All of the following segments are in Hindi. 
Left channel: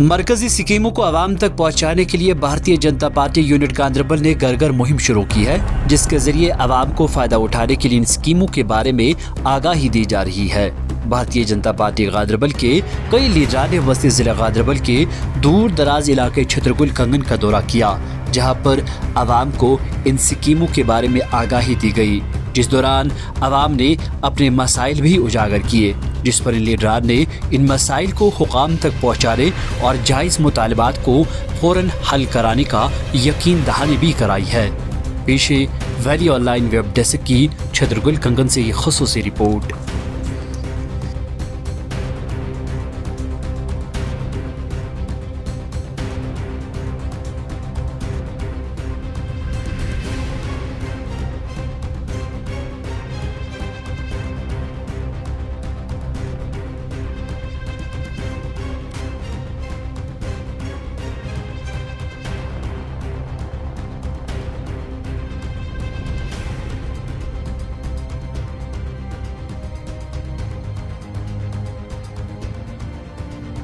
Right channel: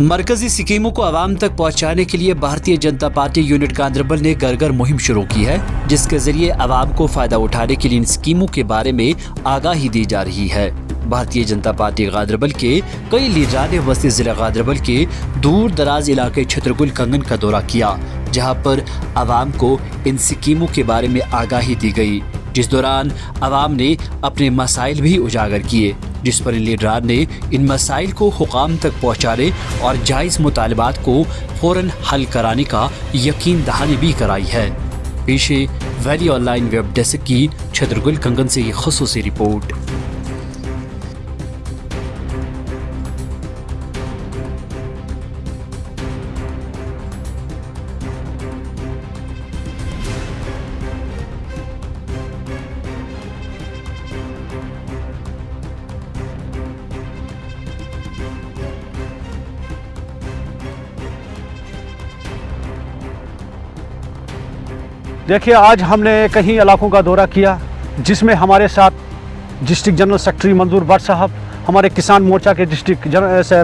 मरकजी स्कीमों को आवाम तक पहुंचाने के लिए भारतीय जनता पार्टी यूनिट गांधरबल ने घर घर मुहिम शुरू की है, जिसके जरिए आवाम को फायदा उठाने के लिए इन स्कीमों के बारे में आगाही दी जा रही है। भारतीय जनता पार्टी गांधरबल के कई लीडरान ने वस्ती जिला गांधरबल के दूर दराज इलाके छतरगुल कंगन का दौरा किया, जहां पर आवाम को इन स्कीमों के बारे में आगाही दी गई, जिस दौरान आवाम ने अपने मसाइल भी उजागर किए, जिस पर इन लीडरान ने इन मसाइल को हुकाम तक पहुँचाने और जायज़ मुतालबात को फौरन हल कराने का यकीन दहानी भी कराई है। पेशे वैली ऑनलाइन वेब डेस्क की छतरगुल कंगन से ये खुसूसी रिपोर्ट। देखिए, आज हमने कई इलाकों का दौरा किया, जिसमें हमारे साथ डिस्ट्रिक्ट जनरल सेक्रेटरी मंजूर भट्ट साहब, हमारे किसान मोर्चा के डिस्ट्रिक्ट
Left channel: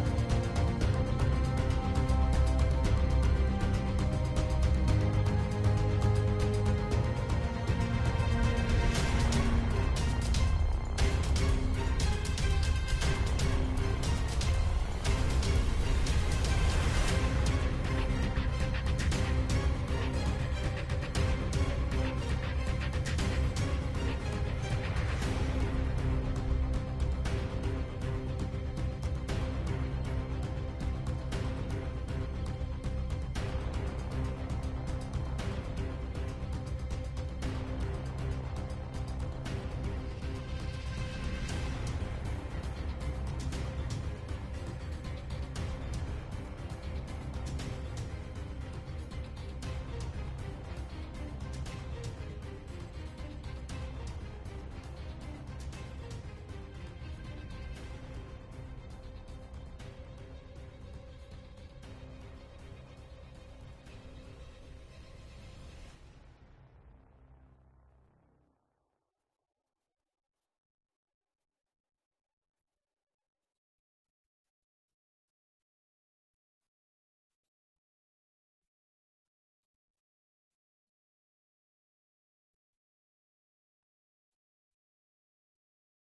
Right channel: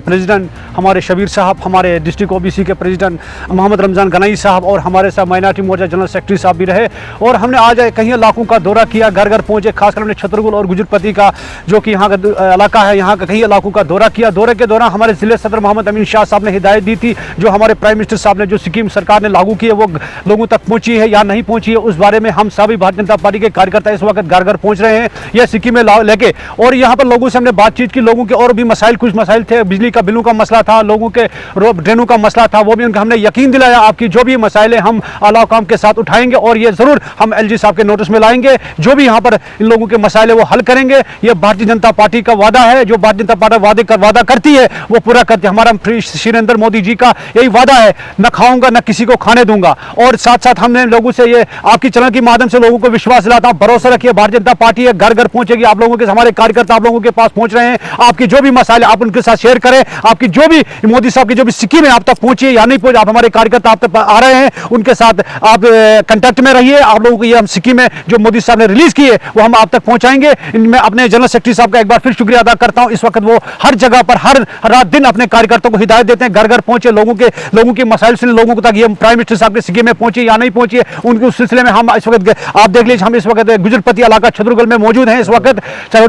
प्रेसिडेंट हमारे शबीर साहब, हमारे डिस्ट्रिक्ट ओबीसी के प्रेसिडेंट मोहम्मद रमज़ान गनाई साहब और हमारे साथ माइनॉरिटी मोर्चा जनरल सेक्रेटरी साहब भी रहे। और हमने आज कई इलाकों का दौरा किया, घर घर पहुँचे, खासकर हमने छतरगुल और गुजरपति का जो कि यहाँ का इलाका है, यहाँ का कई इलाकों का दौरा किया। दौरे के दौरान हमारे ज़िले सदर मोहम्मद अमीन शाह साहब ने हिदायत दी थी, जो हमारे प्राइम मिनिस्टर साहब ने जो स्कीम सरकार ने लागू की है वो लोगों तक पहुँची है या नहीं पहुँची है, उस बारे में हम सभी भारतीय जनता पार्टी के कार्यकर्ता इस वक्त घर घर पहुँच रहे हैं यह स्कीमें लेके। और यहाँ पर लोगों से हमने बातचीत की, लोगों के और भी मसाइल, कुछ मसाइल थे, बिजली का बिलों का मसला था, लोगों के ड्रेनों का मसला था, वो भी हमने यकीन दिलाया आपकी जो भी मसाइल है हम आला हुकाम के साथ उठाएंगे और ये जरूर हम एलजी साहब के नोटिस में लाएंगे। जो भी यहाँ पर इन लोगों के मसाइल है वो हल करेंगे। ये भारतीय जनता पार्टी का वादा है, जो भारतीय जनता पार्टी वादा करती है वो पूरा करती है। हमारा श्री नरेंद्र मोदी जी का यही वादा है, न खाऊंगा न किसी को खाने दूंगा। और साथ साथ हमने लोगों से ये आपकी चैनल के माध्यम से लोगों को विश्वास दिलाता हूं, भरोसा रखिए, भारतीय जनता पार्टी है, घर घर पहुंचेगी, आप लोगों के, हमारे कार्यकर्ता आप लोगों के पास पहुंच रहे हैं। आपकी जो भी मसाइल आप उनके साथ शेयर करें, आपकी जो भी मोदी साहब की जो भी स्कीम है आप तक पहुंची या नहीं पहुंची, आप हमारे कार्यकर्ता आप तक आ रहे हैं, उनके साथ आप कांटेक्ट में रहिए। आप लोगों को ये हम स्कीमें जो मोदी साहब ने रिलीज की है वो हम आप तक पहुंचाएंगे। मैं अपने जनरल सेक्रेटरी साहब का एक बार फिर शुक्रिया अदा करता हूं। इस वक्त वो हर जगह पर हर रात दिन अपने कार्यकर्ताओं को हिदायत देते हैं, घर घर पहुंचे, लोगों के मसाइल से लोगों को तक ये प्राइम मिनिस्टर साहब की स्कीमें पहुंची या नहीं पहुंची है, उनके उस सिलसिले में हम इस वक्त आप देख लीजिए, हम इस वक्त गुजरपति इलाका छतरगुल में मौजूद हैं। इस वक्त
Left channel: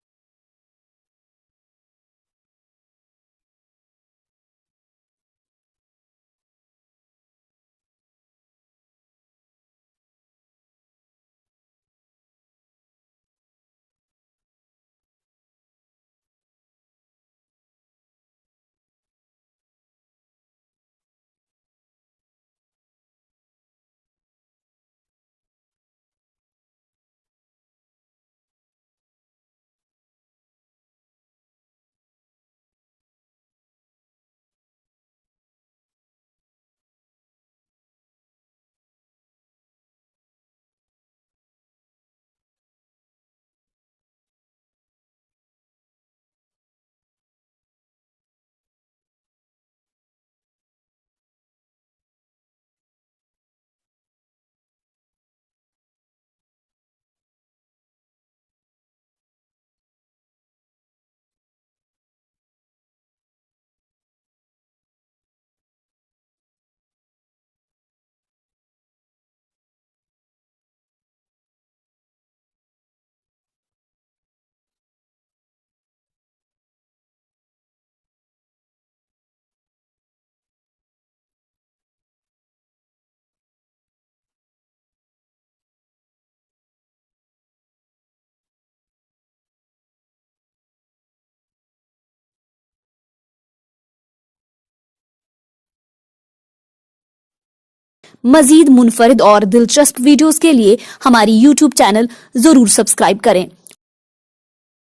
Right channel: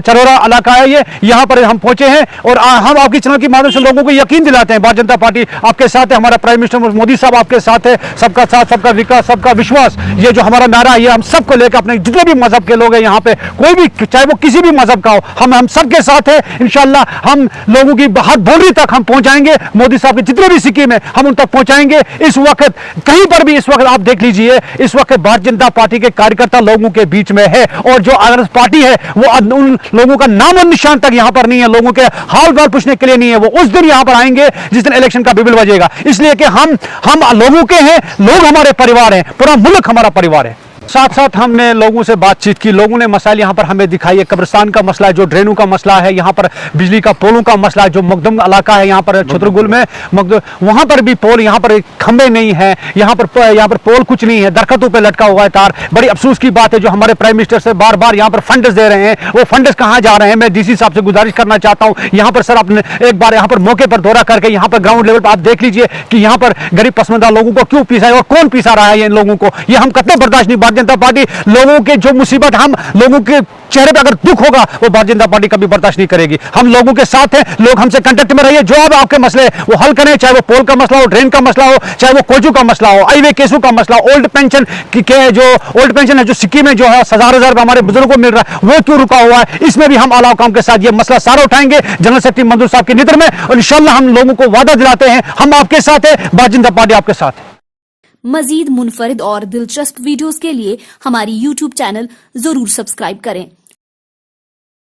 चरोरा इलाका है ये, यहाँ पर हम पहुंचे हैं और हम आपकी चैनल के माध्यम से लोगों को यकीन दिलाते हैं भारतीय जनता पार्टी आपके साथ है, हमारा प्राइम मिनिस्टर मोदी साहब आपके साथ है। सबका साथ, सबका विकास, सबका विश्वास, ये जो हमारा नारा है, ये हम सबको लेकर अपने जितने भी मजहब के लोग हैं यहाँ पे, कोई भी चाहे वो किसी भी मजहब का हो, हम सबके साथ है। इंशाल्लाह हम लोगों की हर बाउंड्री तक हम पहुंचाएंगे, मोदी साहब की जितने भी स्कीम है हम उन तक पहुंचाएंगे। इस वक्त कहीं पर भी, इस वक्त आप देख लीजिए, इस वक्त भारतीय जनता पार्टी के कार्यकर्ता लोगों के बीच में है और जो अगर पार्टी है वो उन लोगों का नाम और निशान तक यहाँ पर नहीं है, लोगों के हाल बाल पूछने के लिए नहीं है। वो उस दिन यहाँ पर आएंगे जिस दिन इलेक्शन का बिगुल बजेगा, इसलिए कि हम लोगों के हैं, लोग हमारे परिवार हैं, पूरा मुल्क हमारा परिवार है। साथ साथ हमने लोगों से बातचीत की, लोगों ने मसाइल यहाँ पर हमें दिखाई है, कब्रिस्तान का मसला है, जो ड्रेनों का मसला है, यहाँ पर बिजली का पोलों का मसला है, जो मकदम इलाका है यहाँ पर छतरगुल में वहाँ पर भी पोल, यहाँ पर खंबे नहीं है, यहाँ पर पोल कुछ नहीं है, दरख्तों पे लटका हुआ है तार। बड़ी अफसोस की बात है, जो हमारे प्राइम मिनिस्टर से बार बार यहाँ पर फंड्स दे रहे हैं, वो फंड्स कहाँ जा रहे हैं। मैं डीसी साहब से गुजारिश करना चाहता हूँ, यहाँ पर सर अपने एक बार यहाँ पर मौके पर दौरा करके यहाँ पर ग्राउंड लेवल पर आप देख लीजिए कि यहाँ पर गरीब पसमानदा लोगों को क्यों पीसा है और कौन पीसा रहा है इन लोगों को। ये हम कतई बर्दाश्त नहीं, भारतीय जनता पार्टी लोगों के जो मुसीबत, हम लोगों के चेहरे पे अगर दुख होगा वो भारतीय जनता पार्टी कभी बर्दाश्त नहीं करेगी। हम लोगों के साथ हैं, लोग हमसे कांटेक्ट में रहिए, जो अब आपके मसले वो हल करें, चाहे वो पोल का मसला हो, ड्रेन का मसला हो, चाहे वो कोचू का मसला हो, हाईवे केसों का मसला, ओल्ड पेंशन जो ओल्ड पेंशन है, जो स्कीम है, जो है 1000 हमारे बुजुर्गों को मिल रहा है, वो क्यों रुका हुआ है, इसमें भी हम आला हुकाम के साथ ये मसला सारा उठाएंगे जनरल सेक्रेटरी मंजूर साहब के नेतृत्व में। और इंशाल्लाह हम लोगों को वादा दिलाते हैं, हम आपके साथ है, भारतीय जनता पार्टी आपके साथ है। मजीद मुनफरिद और दिलचस्प वीडियोस के लिए हमारी YouTube चैनल जरूर सब्सक्राइब करें।